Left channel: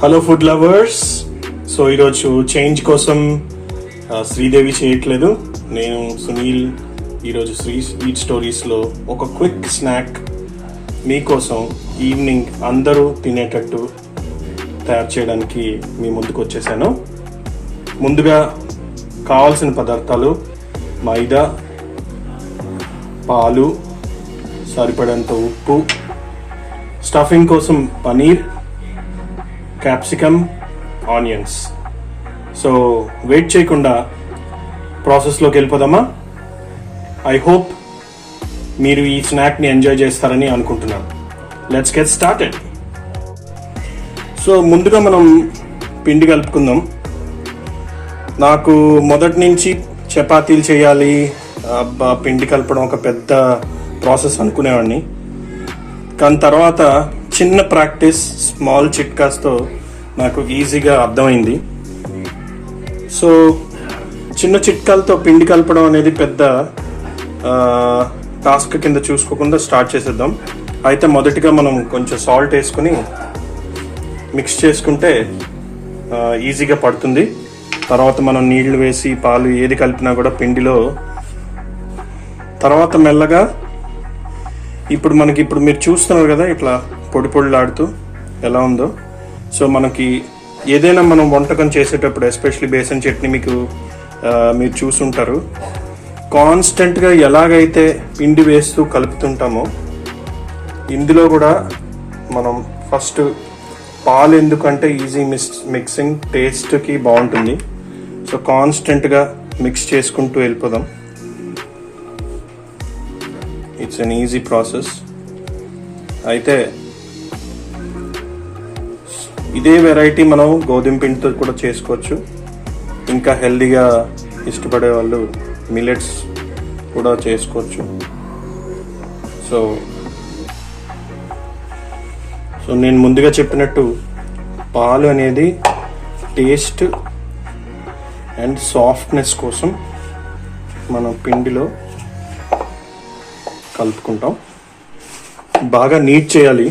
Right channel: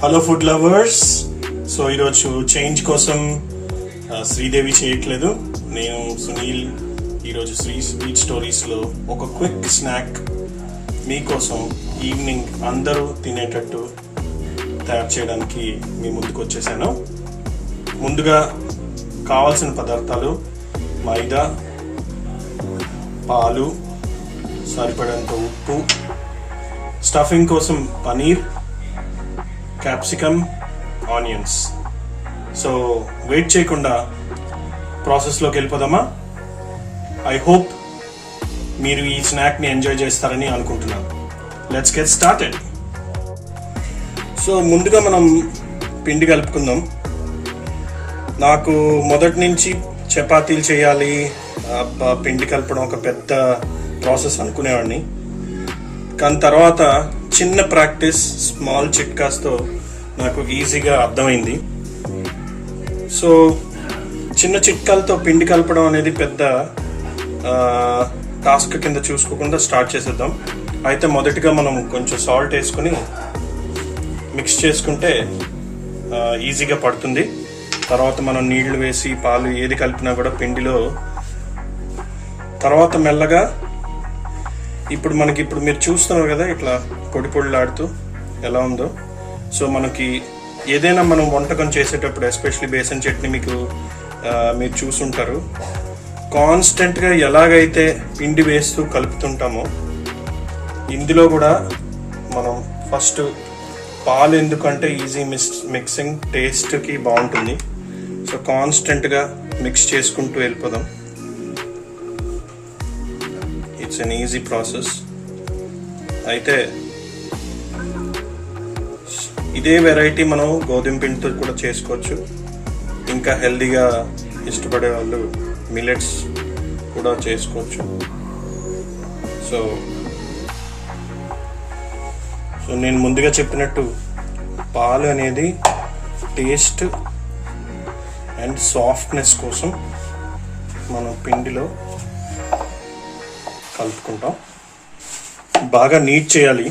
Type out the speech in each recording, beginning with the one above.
Hello food lovers. So ఈరోజు change కోసం శ్రీదేవి చేయట్లేదు, నేను సునీల్. ఈరోజు స్వీట్ స్టోరీస్లో ఒక క్విక్ స్నాక్ మీకోసం ఈవినింగ్ అందరూ తినేటట్టు తయారు చేయడానికి మీ ముందుకు వచ్చేసాను. ముందుగా కావాల్సిన పదార్థాలు: మైదా, పాలు, సరిపడంత ఉప్పు, స్టఫింగ్ కోసం paneer, capsicum, onions. So wait చేయకుండా ప్రాసెస్లోకి వెళ్ళిపోదామా? ఐ హోప్ మీరు ఈ స్నాక్ని ఎంజాయ్ చేస్తారని అనుకుంటున్నాను. Let's get started. సో ముందుగా మనం పిండి కలుపుకుందాం. నాకు మొదటి నుంచి చపాతీలు చేయాలి, పిండి కలపడం ఒక పెద్ద ప్రాసెస్ అనుకునేవాడిని. కానీ తర్వాత చిన్న ప్రాక్టీస్, స్మాల్ చిట్కాస్తో నాకు ఈజీగా అర్థమైంది. సో చిన్న చిట్కాలతో పిండి కలపడం అనేది పెద్ద టాస్క్ కింద చూసుకోకుండా స్టార్ట్ చేసేద్దాం. అయితే మొదటిగా మనం కొంచెం సాల్ట్ వేసుకుని మిక్స్ చేసుకుంటే ఈజీగా పడుతుంది. తర్వాత మనం నీళ్లు వేసి పాలు ఏది కలిపినా కూడా పిండిలో తర్వాత మెల్లగా ఇప్పుడు మీరు చూస్తున్నారు కదా ఇట్లా పొడి పొడిలాడుతూ ఎలా ఉందో. సో మనకి ఏదైనా మనం వంటకం చేసేటప్పుడు, ఎస్పెషల్లీ బేసన్ చట్నీ మీరు చూసుంటారు, కాన్స్టెంట్గా ఎలాగైతే పిండి వేస్తూ కలుపుతుంటామో ఇందులో కూడా మనం ఫస్ట్ పాలు, ఎందుకంటే ఈజీ మిక్సింగ్, టేస్ట్కి బాగుంటుంది. సో కాన్స్టెంట్గా మిక్స్ చేసుకుంటూ వెళ్ళిపోదాం. It's an easy process. అయితే ఇదే వెరైటీ మనం గోధుమ పిండితో కూడా చేసుకోవచ్చు. ఇంకా హెల్దీగా ఇష్టపడే వాళ్ళు మిల్లెట్స్ కూడా చేసుకోవచ్చు. సో నేను ముందుగా చెప్పినట్టు పాలు అనేది టేస్ట్ అండ్ సాఫ్ట్నెస్ కోసం మనం పిండిలో కలుపుకుంటాం. బాగా నీట్ చేయాలి,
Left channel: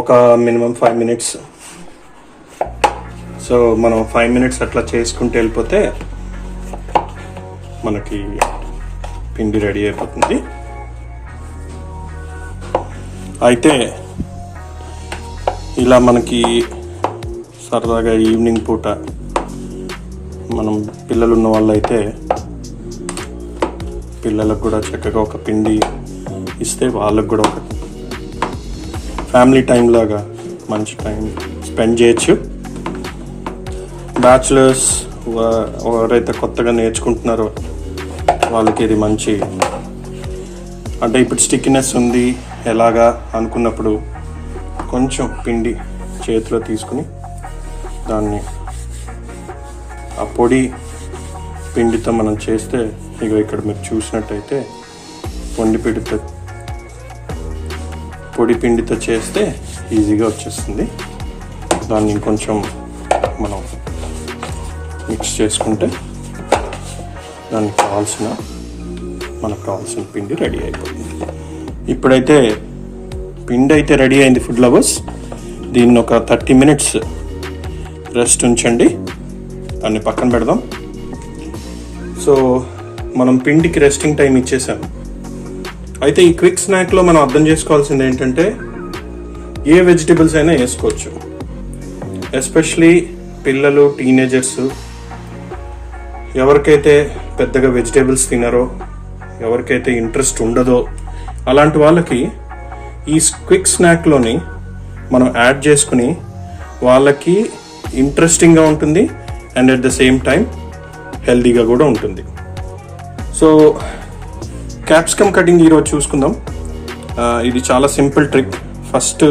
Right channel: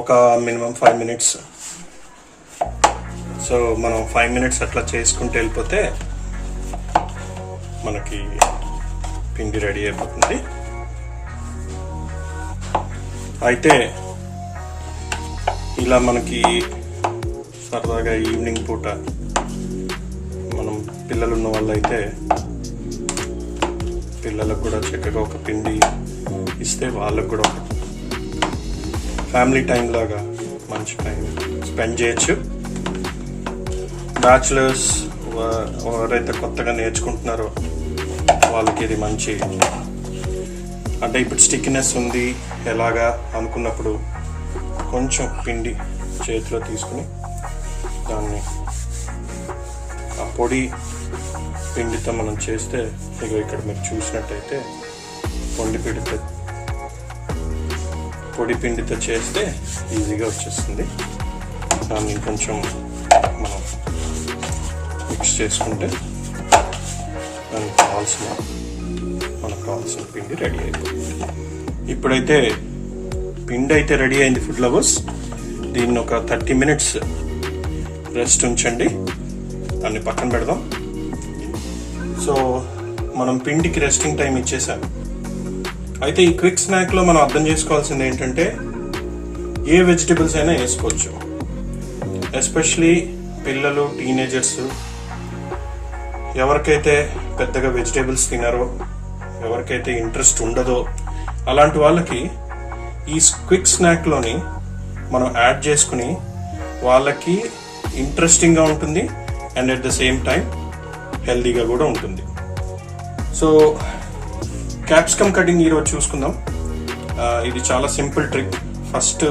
ఒక మినిమం 5 minutes. సో మనం 5 minutes అట్లా చేసుకుంటూ వెళ్ళిపోతే మనకి పిండి రెడీ అయిపోతుంది. అయితే ఇలా మనకి సరదాగా ఈవినింగ్ పూట మనం పిల్లలు ఉన్న వాళ్ళు అయితే పిల్లలకు కూడా చక్కగా ఒక పిండి ఇస్తే వాళ్ళకు కూడా ఒక ఫ్యామిలీ టైం లాగా మంచి టైం స్పెండ్ చేయొచ్చు. బ్యాచులర్స్ ఎవరైతే కొత్తగా నేర్చుకుంటున్నారో వాళ్ళకి ఇది మంచి, అంటే ఇప్పుడు స్టిక్నెస్ ఉంది ఎలాగా అనుకున్నప్పుడు కొంచెం పిండి చేతిలో తీసుకుని దాన్ని ఆ పొడి పిండితో మనం చేస్తే, ఇక్కడ మీరు చూసినట్టయితే పొడి పిండితో చేస్తే ఈజీగా వచ్చేస్తుంది. దాన్ని కొంచెం మనం మిక్స్ చేసుకుంటే మనకు కావాల్సిన పిండి రెడీ అయిపోతుంది. ఇప్పుడైతే పిండి అయితే రెడీ అయింది ఫుడ్ లవర్స్. దీన్ని ఒక 30 minutes రెస్ట్ ఉంచండి, దాన్ని పక్కన పెడదాం. సో మనం పిండికి రెస్టింగ్ టైం ఇచ్చేసాం. అయితే ఈ క్విక్ స్నాక్లో మనం అర్థం చేసుకోవాల్సింది ఏంటంటే, ఏ వెజిటబుల్స్ అయినా వేసుకోవచ్చు. ఎస్పెషలీ పిల్లలు, టీనేజర్స్, ఎవరికైతే పెద్దగా వెజిటేబుల్స్ తినరో, ఎవరికైతే ఇంట్రెస్ట్ ఉండదో, అలాంటి వాళ్ళకి ఈ క్విక్ స్నాక్లోని మనం యాడ్ చేసుకుని వాళ్ళకి ఇంట్రెస్టింగ్గా ఉంటుంది and at the same time హెల్దీగా కూడా ఉంటుంది. సో క్యాప్సికమ్ కటింగ్ ఈరోజు చూసుకుందాం. ఇది చాలా సింపుల్ ట్రిక్. ఫస్ట్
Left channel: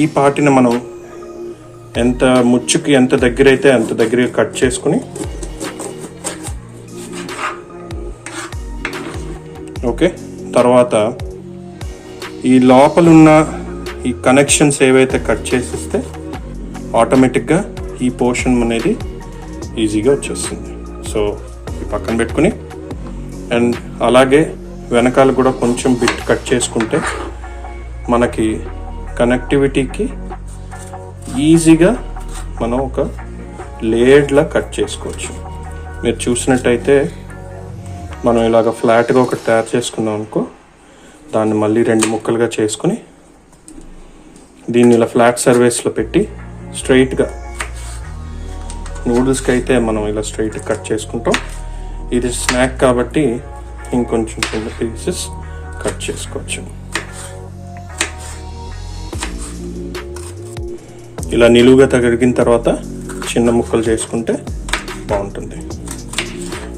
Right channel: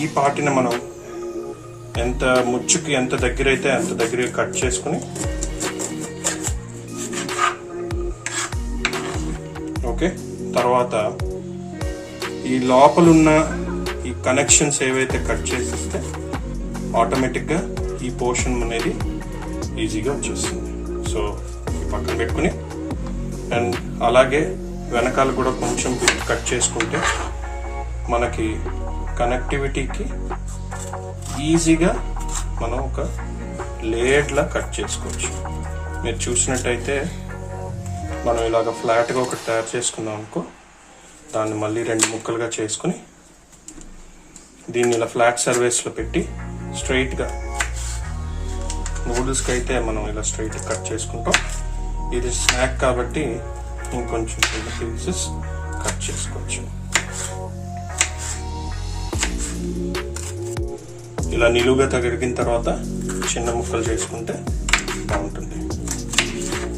ఈ పార్టీని మనం ముచ్చుకి ఎంత దగ్గర అయితే అంత దగ్గరగా కట్ చేసుకుని, ఓకే, తర్వాత ఈ లోపలున్న ఈ కనెక్షన్స్ ఏవైతే కట్ చేసిస్తే ఆటోమేటిక్గా ఈ పోర్షన్ అనేది ఈజీగా వచ్చేస్తుంది. సో ఈ పక్కన పెట్టుకుని, అండ్ అలాగే వెనకాల కూడా కొంచెం బిట్ కట్ చేసుకుంటే మనకి కనెక్టివిటీకి ఈజీగా మనం ఒక లేయర్లా కట్ చేసుకోవచ్చు. మీరు చూసినట్టయితే మనం ఇలాగ ఫ్లాట్గా ఒకటి తయారు చేసుకున్నాం అనుకో, దాన్ని మళ్ళీ 2 ముక్కలుగా చేసుకుని దీన్ని ఇలా ఫ్లాట్ సర్ఫేస్లో పెట్టి స్ట్రైట్గా, నూడిల్స్కి అయితే మనం ఇలా స్ట్రైట్ కట్ చేసుకుంటాం. ఇది స్నాక్ కాబట్టి ఇంకొంచెం చిన్న పీసెస్ కట్ చేసుకోవచ్చు. ఇలా నిలువుగా తగిలిన తర్వాత చిన్న ముక్కలు చేసుకుంటే బాగుంటుంది.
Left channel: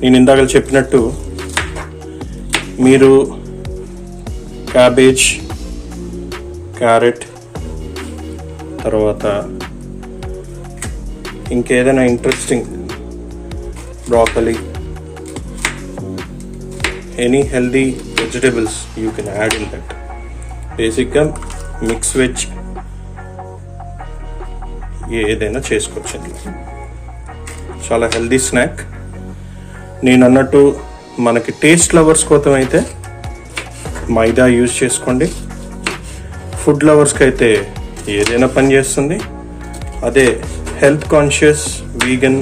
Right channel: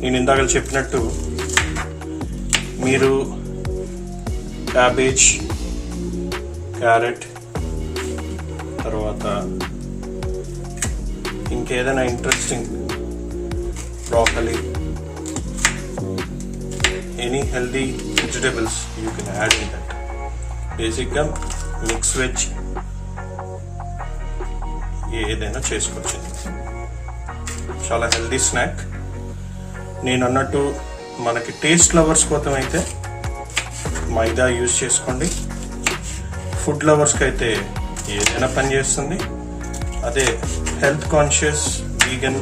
నేను ఇందాక చెప్పినట్టు మీరు క్యాబేజ్, క్యారెట్, తర్వాత ఇంకేదైనా interesting, broccoli, any healthy vegetables you can add in that. బేసిక్గా మిక్స్ వెజ్ ఏదైనా చేసుకోవచ్చండి. చాలా హెల్దీ స్నాక్. నేను అన్నట్టు మనకి టేస్ట్ లవర్స్ కోసం అయితే మైదా యూజ్ చేసుకోండి. ఫుడ్ లవర్స్కి అయితే ఏదైనా పని చేస్తుంది. అదే హెల్త్ కాన్షియస్ వీగన్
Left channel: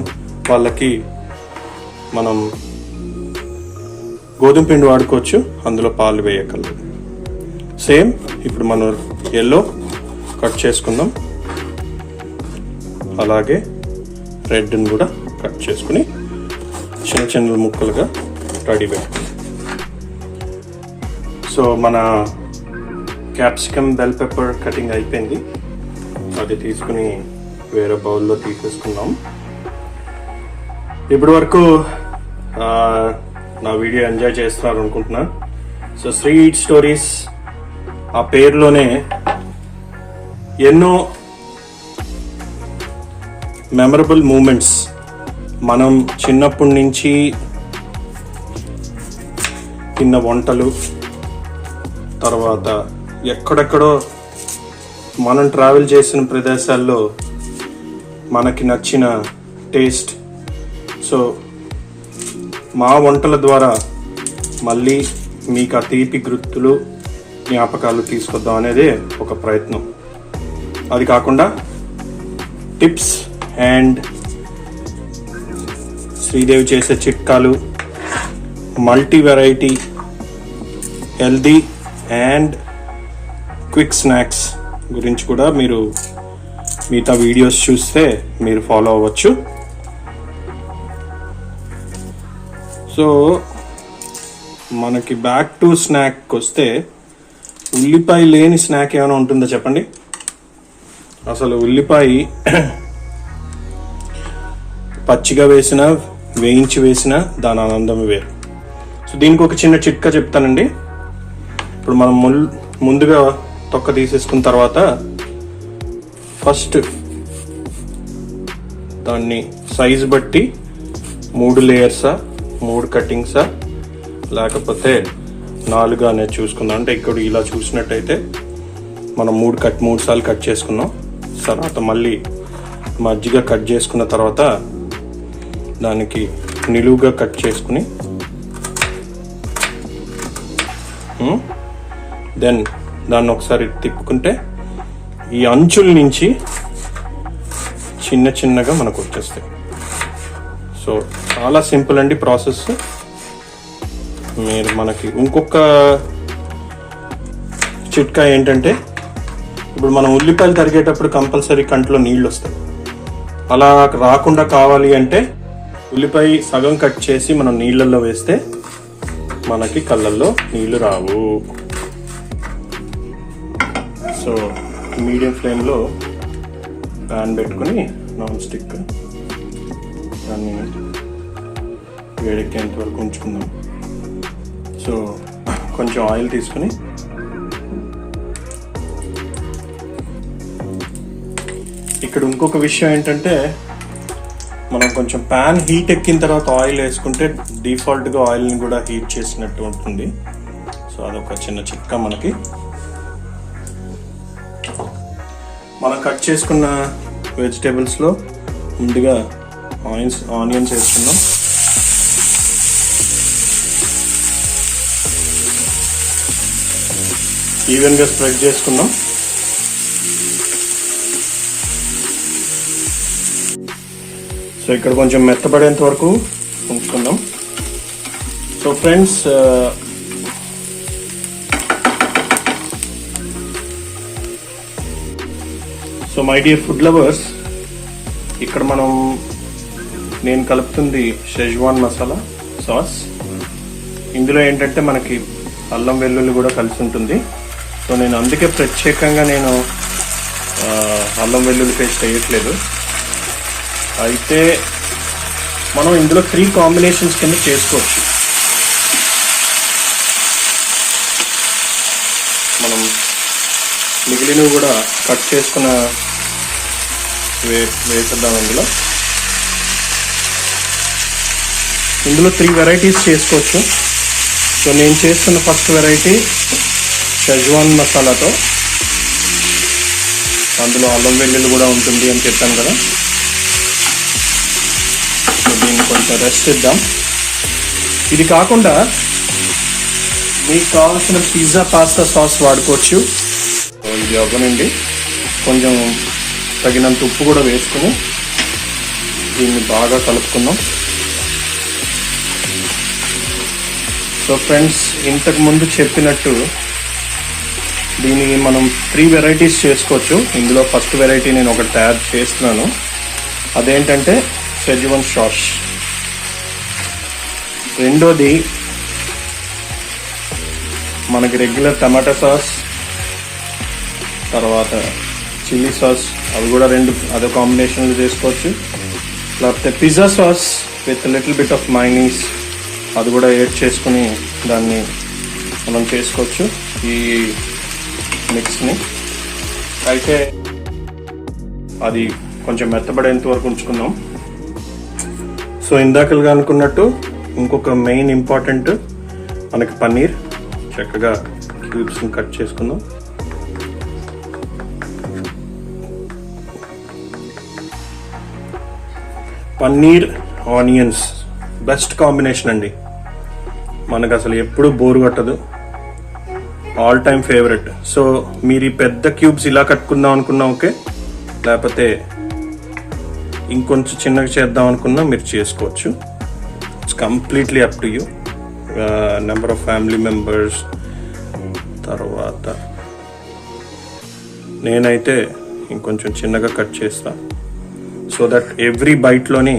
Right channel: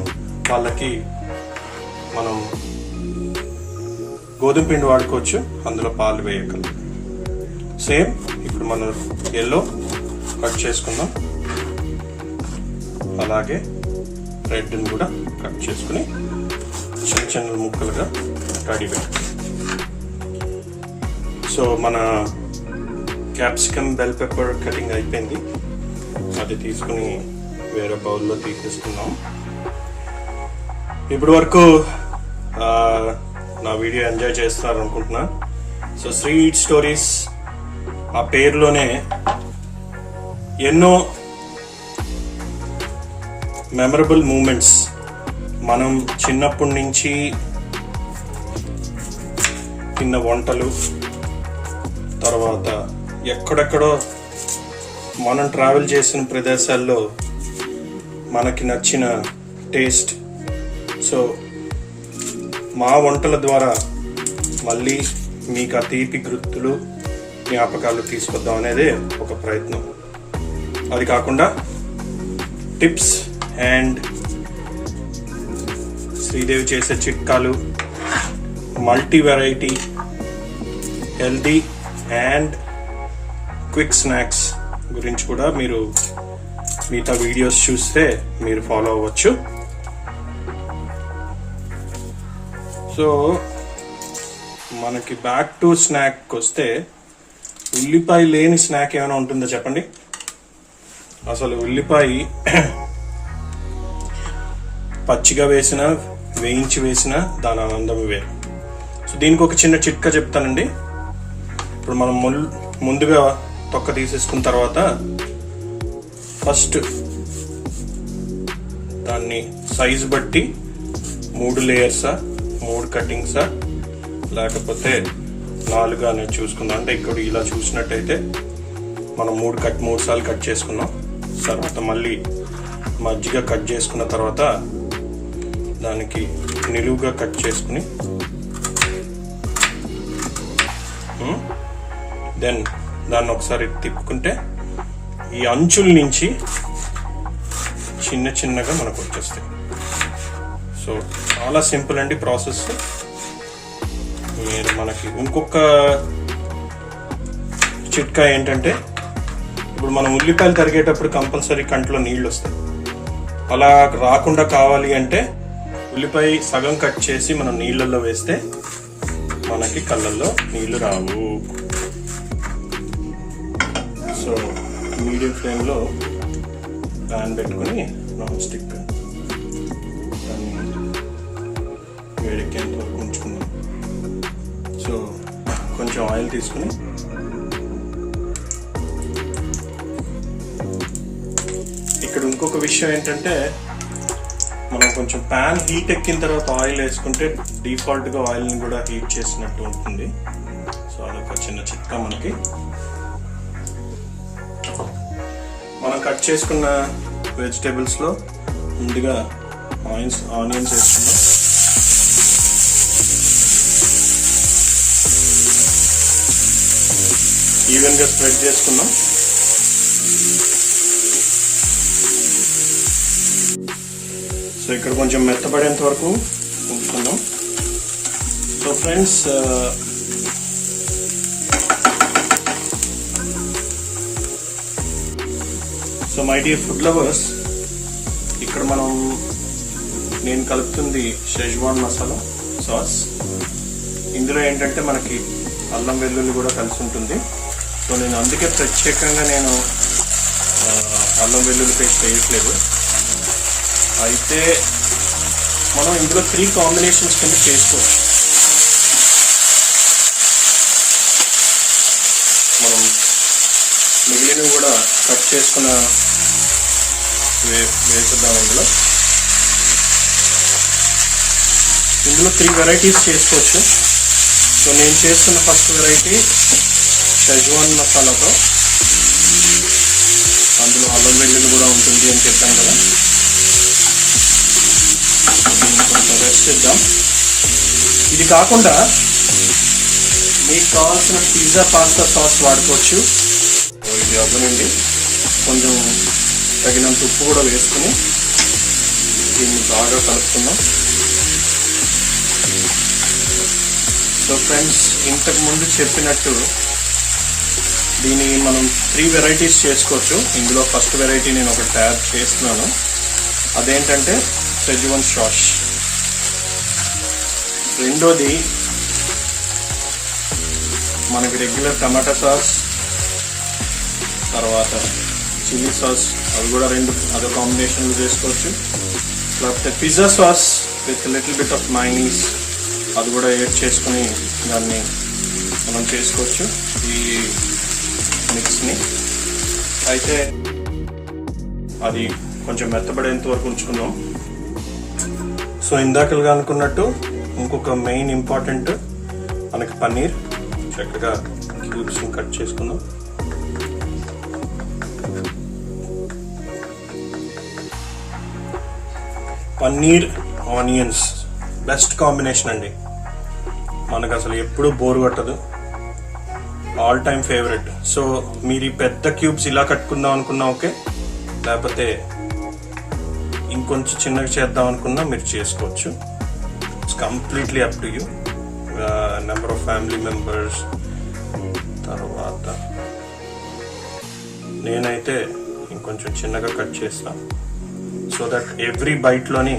వాళ్ళకి మనం గోధుమ పిండి వాడుకోవచ్చు, అందులో పాలు వేయగలరు. సేమ్ ఇప్పుడు మనం ఎల్లో కట్ చేసుకుందాం, అలాగే రెడ్ని కూడా కట్ చేసుకుని చిన్న చిన్న ముక్కలుగా రెడీ పెట్టుకుందాం. సో మన క్యాప్సికమ్, బెల్ పెప్పర్ కటింగ్ అయిపోయింది. అది తీసుకుని వేరే బౌల్లో తీసేసుకున్నాం. ఇప్పటి వరకు నా వీడియో ఎంజాయ్ చేస్తున్నారు అనుకుంటున్నా. సో స్వీట్ స్టోరీస్ ఆ పేరులోనే ఎన్నో మెమరబుల్ మూమెంట్స్, మనం చిన్నప్పటి నుంచి తిన్న వంటలు, తర్వాత ఎక్కడెక్కడో మనం ట్రావెల్ చేసిన ప్రదేశాల్లో మనకి నచ్చిన టేస్ట్. సో మా వంటల ద్వారా మళ్ళీ మీకు ఆ తీపి గుర్తులు, జ్ఞాపకాలు తీసుకొద్దాం అనేదే ఒక ప్రయత్నం. అది కాకుండా టిప్స్ అండ్ శ్రీదేవి చేసే చిట్కాలు, multi variety healthy and quick snacks గురించి కూడా మీరు మిగతా వీడియోస్ చూస్తే మీరు ఫాలో అవ్వచ్చు. సో మనకి బ్యాక్ టు స్నాక్ వస్తే, ఉల్లిపాయ లేని స్నాక్ ఏమైనా ఉంటుందో చెప్పండి. అసలు ఉల్లిపాయ పచ్చిగా వేసినా, వేయించి వేసినా దాని ఆనందం వేరు. సో దీనికి ఒక చిన్న చిట్కా చెప్తానండి. ఇప్పుడు మనం ముందుగా తొక్క తీసేసుకున్న తర్వాత ఫస్ట్ దాన్ని సైజు బట్టి 3 లేయర్సా, 3 కటింగ్సా, లేకపోతే 4 అనేది చూసుకుందాం. అంటే ఇక్కడ ఇలా చూసినట్టయితే మనం 3 సార్లు కట్ చేసుకున్నాం. తర్వాత మళ్ళీ మజ్జిగ కట్ చేసుకున్న తర్వాత దానికి నిలువుగా కట్ చేసుకుని దెన్ దాన్ని ఒకసారి తిప్పుకుంటే ఈ అంచుల నుంచి చిన్న చిన్నగా మనకు వచ్చేస్తాయి. సో చాలా సింపుల్ అండి ప్రాసెస్. మీరు మనకి ఇంకొక చిట్కా ఏంటంటే, ఇప్పుడు మనం ఉల్లిపాయలు తరిగేటప్పుడు కంపల్సరీ కంట్లో నీళ్ళు వస్తాయి. అలా రాకుండా కావాలి అంటే ఉల్లిపాయ సగం కట్ చేసి మనం నీళ్ళల్లో వేస్తే మనకి కళ్ళల్లో నీళ్లు రావు. సో మీడియం ఫ్లేమ్లో ప్యాన్ పెట్టుకుని నాన్ స్టిక్ దాన్ని వేడెక్కేంత వరకు ఉంచుకుందాం. సో కొంచెం ఆయిల్ తీసుకుని ఇక్కడ ఇంకొక విషయం ఏంటంటే, మనం కొంచెం ప్యాన్ హీట్ ఎక్కిన తర్వాత ఆయిల్ వేసుకుంటే డిఫాల్ట్గా ఆయిల్ని కూడా హీట్ చేసినట్టు ఉంటుంది. సో అదొక చిన్న చిట్కా మనకి. మనం కట్ చేసుకున్న వెజిటేబుల్స్లో ముందుగా ఆనియన్స్ వేసుకున్నాం. ఈవెన్గా స్ప్రెడ్ చేసుకున్నాం. సో ఇక్కడ కొంచెం మెత్తబడేంత వరకు ఉంచుకుందాం. So friends, so my dear food lovers, ఇక్కడ నేను కలుపుతుంది షెజ్వాన్ మసాలా సాస్. ఇందులో ఏంటంటే మనకి అల్లం వెల్లుల్లి కూడా కలిసి ఉంటుంది. సో నేను అందుకే ప్రత్యేకంగా అల్లం వెల్లుల్లి పేస్ట్ వేయట్లేదు. అయితే మనం ఇందులో 3 కాంబినేషన్స్ కింద చేసుకోవచ్చు. మనం మిగిలినవి కూడా కట్ చేసుకున్న వేసేద్దాం. ఇందులో 3 వెరైటీస్ చేసుకోవచ్చు. సో నేను చేస్తున్న ఫస్ట్ వెరైటీ షెజ్వాన్ మసాలాతో. అందులో అల్లం వెల్లుల్లి కూడా ఉంటుంది అని చెప్పాను కదా. సో దీన్ని కొంచెం రెస్ట్ ఇద్దాం. ఇది కాకుండా మీకు కావాల్సిన పిజ్జా పాస్తా సాస్ వాడుకోవచ్చు. ఇది అవ్వనండి. కొంచెం తగినంత ఉప్పు కూడా వేసుకుని దీన్ని బాగా కలుపుకుందాం. సో ఫ్రెండ్స్, ఇంతకు ముందు చెప్పినట్టు దీన్ని మనం 3 వెరైటీస్ చేసుకోవచ్చు. ఇందులో ఫస్ట్ వెరైటీ నేను ఒకటి తయారు చేస్తున్నాను. అదేంటంటే షెజ్వాన్ సాస్. రెండోది మనకి రెగ్యులర్ టమాటా సాస్, తర్వాత చిల్లీ సాస్, అవి కూడా 2 అదో కాంబినేషన్లు చేసుకోవచ్చు. లేకపోతే pizza sauce with little bit of mayonnaise, అది కూడా యాడ్ చేసుకుని దాన్ని మనం చేసుకోవచ్చు ఈ మిక్స్ని. అయితే అది కొంచెం మెత్తబడేంత వరకు ఉంచుకుందాం. సో ఇందాకలుగా అనుకున్నట్టు ఇంకొక మెయిన్ ఇంపార్టెంట్ మనకి పన్నీర్. చక్కగా క్యూబ్స్ని కట్ చేసుకుందాం. పన్నీర్ ఆనియన్స్ బెస్ట్ కాంబినేషన్ అండి. మనకు అసలు ఎప్పుడు బోర్ కొట్టదు. All time favourite. సో మీరు ఈ పెద్ద క్యూబ్స్ ఇలా కట్టుకుందాం అనుకున్నా ఓకే, లేకపోతే ఇంకొంచెం చిన్నగా చేద్దాం అనుకున్నా మీరు చేసుకోవచ్చు. It's completely up to you. Number of family members. తర్వాత నేనైతే ఇంకొంచెం చిన్నగా కట్ చేస్తా, సో దట్ ఎవ్రీ బైట్లోని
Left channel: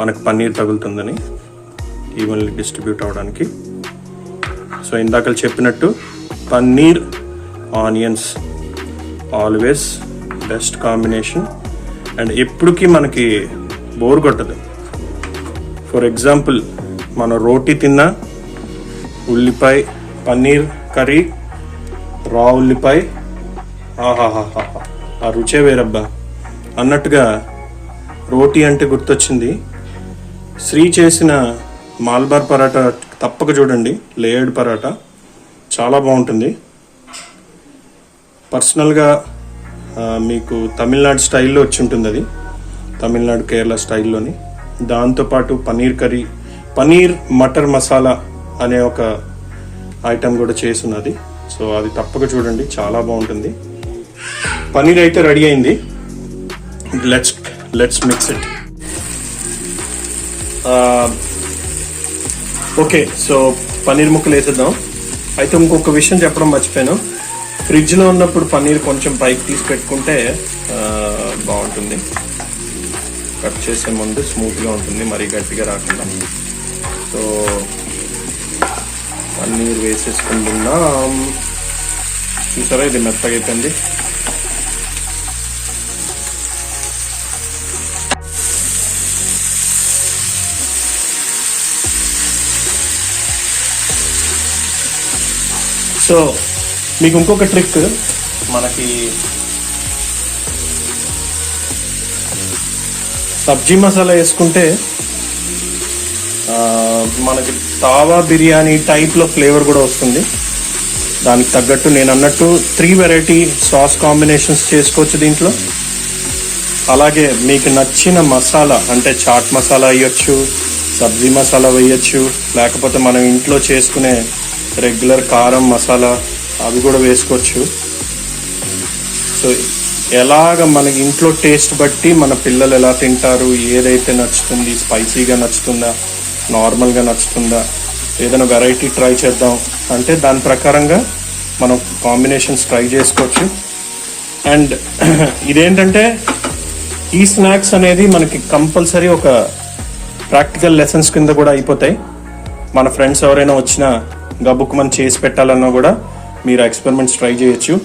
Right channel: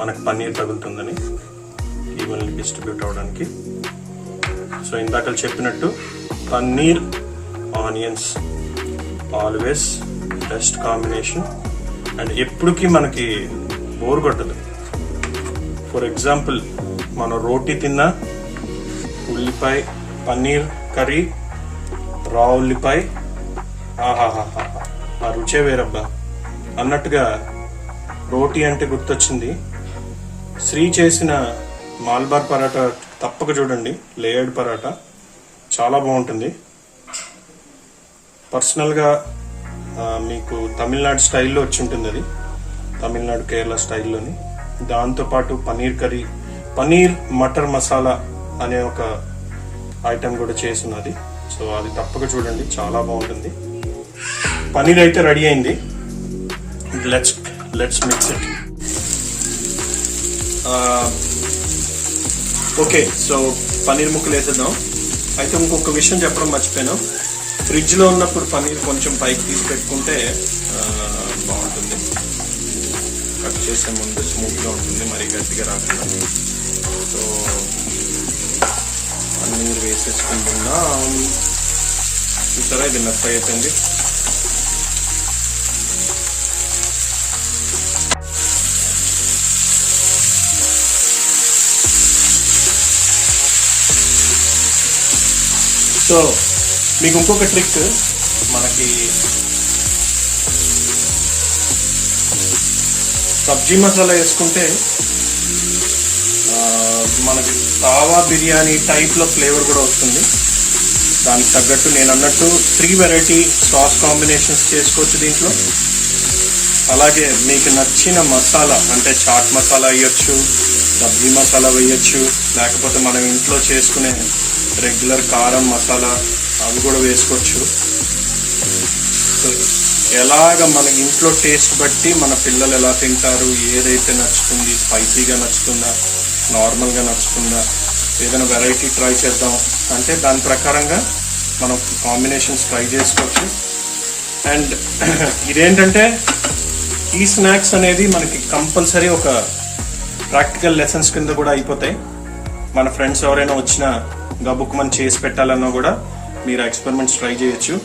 మనకు పన్నీర్ తగులుతుందని, ఈవెన్లీ డిస్ట్రిబ్యూట్ అవడానికి. సో ఇందాక చెప్పినట్టు paneer onions always best combination. And ఎప్పటికీ మనకి బోర్ కొట్టదు. ఫర్ ఎగ్జాంపుల్, మనం రోటీ తిన్నా ఉల్లిపాయ పన్నీర్ కర్రీ, రా ఉల్లిపాయ, ఆహాహాహా, ఆ రుచే వేరబ్బా అన్నట్టుగా. రోటీ అంటే గుర్తొచ్చింది, శ్రీ చేసిన మాల్బార్ పరాటా తప్పక చూడండి. లేయర్డ్ పరాటా చాలా బాగుంటుంది. పర్సనల్గా మీకు తమిళనాడు స్టైల్లో వచ్చి ఉంటుంది. అది తమిళనాడు కేరళ స్టైల్లోని. దాంతోపాటు పన్నీర్ కర్రీ, పన్నీర్ మటర్ మసాలా అనే ఒక ఐటెం కూడా చేస్తున్నది. సో అది తప్పక చూడండి, చాలా బాగుంటుంది. పన్నీర్ అయితే రెడీ అయింది. Let's mix it. Okay, so paneer ముక్కలు వేసేద్దాం. అయితే ఇంకొక విషయం చెప్పడం మర్చిపోయాను. ఫ్రిడ్జ్లో ఉన్నప్పుడు పన్నీర్ కొంచెం పైకి తీసి పెట్టుకుంటే బాగుంటుంది. కట్ చేసే ముందు స్మూత్గా ఉంటుంది, మరీ గట్టిగా రాకుండా. సో పన్నీర్ వేసేసుకుంటున్నాం. చూసారా, ఇది మెత్తగా అయిపోయింది. సో మీకు ఇంకొక ట్రిక్, మనకి సబ్జీ మసాలా వేసుకుంటే మనకి తావా బిర్యానీ టైప్లో ఫ్లేవర్ కూడా వస్తుంది. దానికి తగ్గట్టు నేను అన్నట్టు 3 వెరైటీ సాస్ కాంబినేషన్స్ చేసుకోవచ్చు దీంట్లో. అలాగే మీకు నచ్చిన మసాలా అంటే చాట్ మసాలా వేయచ్చు, సబ్జీ మసాలా వేయచ్చు, లేకపోతే మనం ఇంట్లో చేసుకునే రెగ్యులర్ కారం మసాలా అవి కూడా వేసుకోవచ్చు. సో ఎలాగ మనకి ఇంట్లో టేస్ట్ బట్టి మన పిల్లలు ఎలా తింటారు, ఏదైతే నచ్చుతుంది, స్పైసీగా నచ్చుతుందా, నార్మల్గా నచ్చుతుందా, ఏదైనా వెరైటీ ట్రై చేద్దాం అంటే దాని ప్రకారంగా మనం కాంబినేషన్స్ ట్రై చేసుకోవచ్చు. అండ్ ఇదేంటంటే ఈ స్నాక్స్ అనేది మనకి కంపల్సరీ ఒక ప్రాక్టికల్ లెసన్స్ కింద కూడా అయిపోతాయి. మన ఫ్రెండ్స్ ఎవరైనా వచ్చినా గబుక్ మనం చేసి పెట్టాలన్నా కూడా మీరు ఎక్స్పెరిమెంట్స్ ట్రై చేయొచ్చు.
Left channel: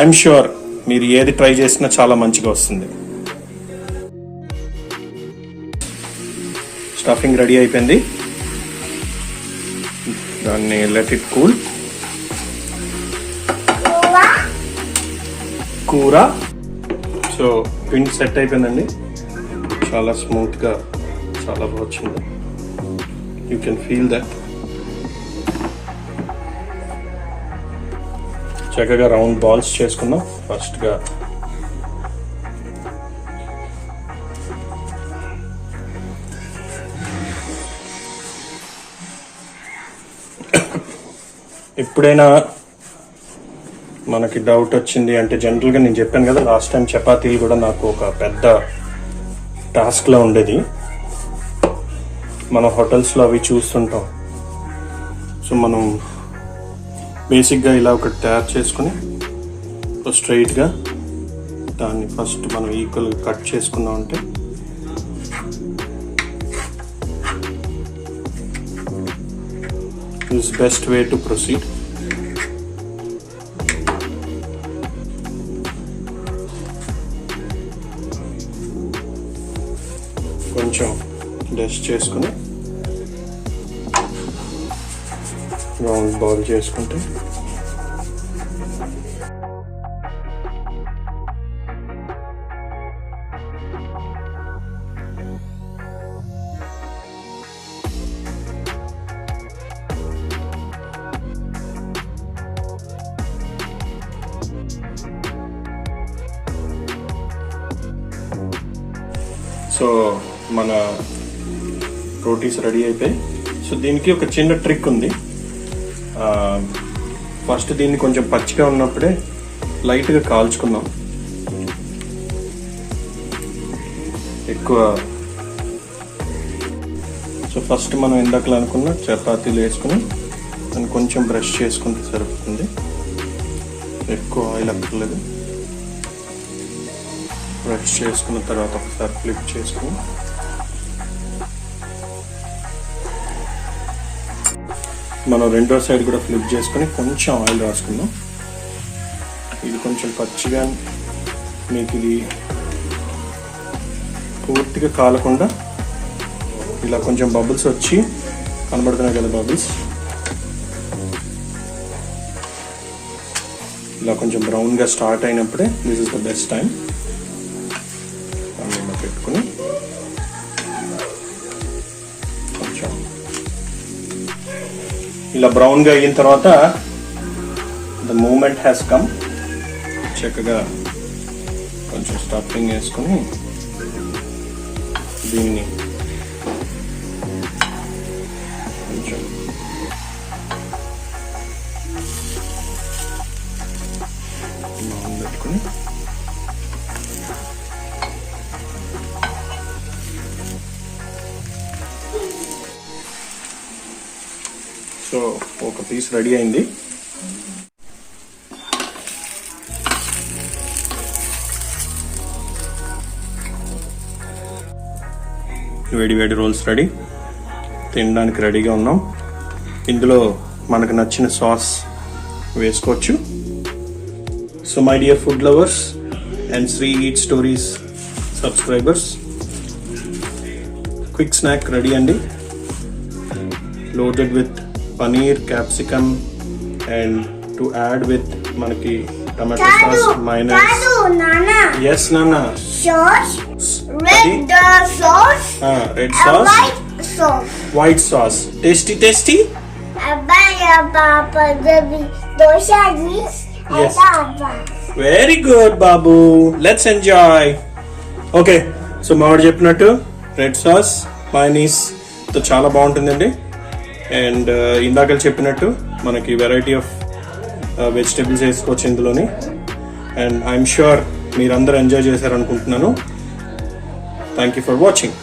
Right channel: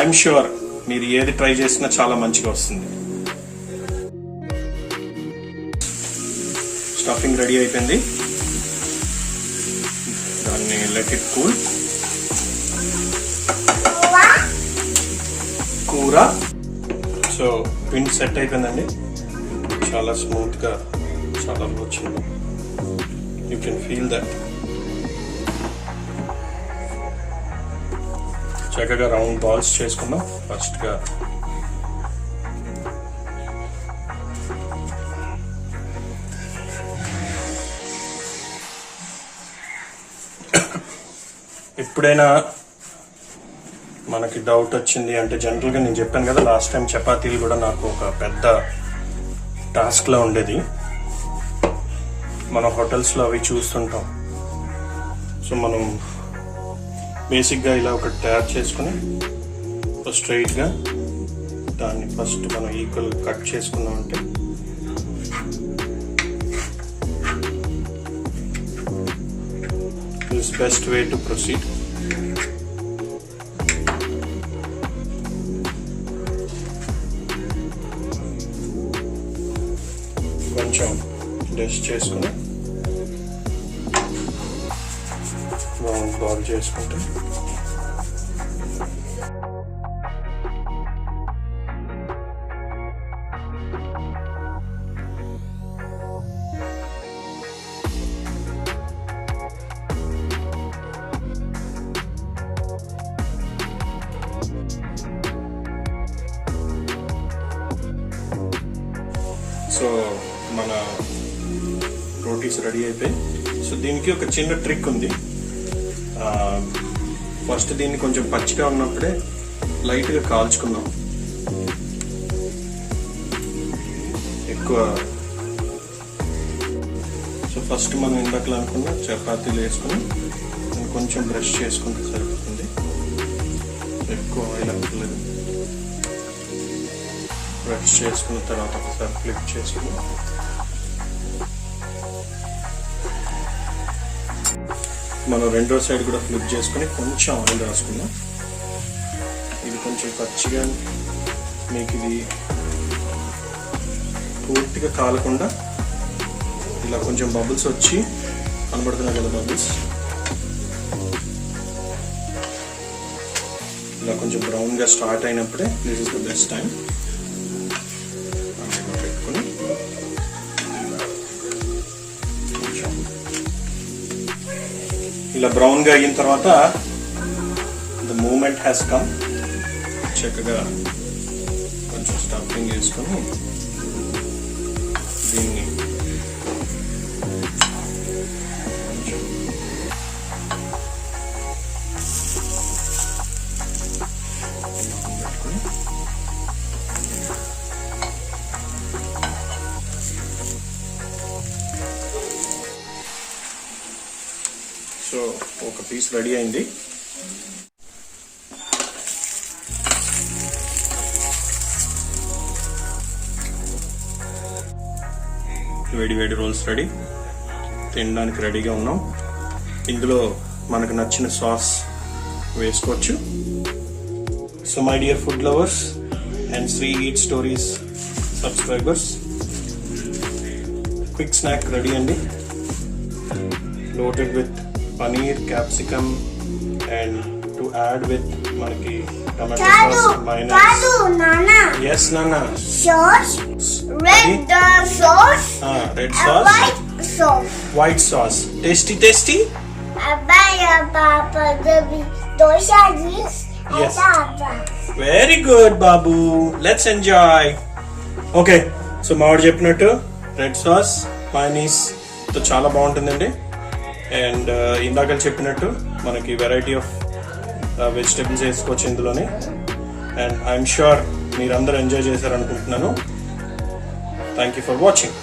ఐఎమ్ ష్యూర్ మీరు ఏది ట్రై చేసినా చాలా మంచిగా వస్తుంది. స్టఫింగ్ రెడీ అయిపోయింది, దాన్ని లెట్ ఇట్ కూల్. కూర సో పిండి సెట్ అయిపోయిందండి, చాలా స్మూత్గా చాలా వచ్చింది. You can feel that. చక్కగా రౌండ్ బాల్స్ చేసుకుందాం. ఫస్ట్గా ఎప్పుడైనా మనకి డౌట్ వచ్చింది అంటే జనరల్గా నేను చెప్పాను కదా లాస్ట్ టైం చపాతీలు కూడా నాకు ఒక పెద్ద టాస్క్లో ఉండేది. మన హోటల్స్లో అవి చూస్తుంటాం. సో మనం బేసిక్గా ఇలా ఒకటి తయారు చేసుకుని స్ట్రైట్గా దాన్ని ఫస్ట్ మనం ఈక్వల్గా కట్ చేసుకున్నామంటే this best way to proceed. కొంచెం డస్ట్ చేసుకుని రౌండ్ బాల్ చేసుకుంటే సో మన రోటీస్ రెడీ అయిపోయి. సో దీనికి ఒక చిన్న ట్రిక్ ఉంది. ఫస్ట్ దీన్ని కొంచెం పచ్చిగా ఉన్నప్పుడే లైట్గా కాల్చుకుందాం. ఎక్కువ సో ఫస్ట్ మనం ఇందాకలా అనుకున్న చపాతీలు వేసుకుని దాన్ని కొంచెం బ్రష్ చేసుకుంటే సరిపోతుంది. ఎక్కువ ఆయిల్ అక్కర్లేదు. బ్రష్ చేసుకున్న తర్వాత ఒకసారి ఫ్లిప్ చేసుకుని మనం రెండో సైడ్ కూడా ఫ్లిప్ చేసుకుని కొంచెం ఆయిల్ రాసుకుందాం. ఇది కొంచెం పచ్చిగా మీకు ఇది పూర్తిగా కాలకుండా ఇలా కొంచెం బబుల్స్ వచ్చి కనబడుతున్నాయి కదా బబుల్స్, ఇలా కొంచెం బ్రౌన్గా స్టార్ట్ అయినప్పుడే this is the best time. పెట్టుకుని కొంచెం ఇలా బ్రౌన్గా అయిన తర్వాత ద మూమెంట్ హ్యాస్ కమ్. చక్కగా కొంచెం స్టఫింగ్ వేసుకొని దీన్ని కొంచెం పెట్టుకుని సో ఒక పీస్ రెడీ అయింది. వేడి వేడి రోల్స్ రెడీ, తినడానికి రెడీగా ఉన్నాం. ఇందులో మనకు నచ్చిన సాస్ వేసుకోవచ్చు. So my dear food lovers and Sri eat stories subscribers, quick snack ready అండి. Loaded with paneer, capsicum and to add with మనకి టమాటో సాస్, మైనస్. ఎస్ నాన్న. Red sauce, white sauce. Tasty tasty. Very good బాబు, let's enjoy. Okay, so మావాడు చెప్పినట్టు red sauce mayonnaise తో చాలా బాగుంటుందండి. And ఇందాక చెప్పినట్టు మనకి వెరైటీ ఆఫ్ వెజిటేబుల్స్ వేసుకోవచ్చు ఇందులోని. అండ్ ఐఎమ్ ష్యూర్ మీరందరూ ఎంజాయ్ చేశారనుకుంటున్నాను. Thank you for watching.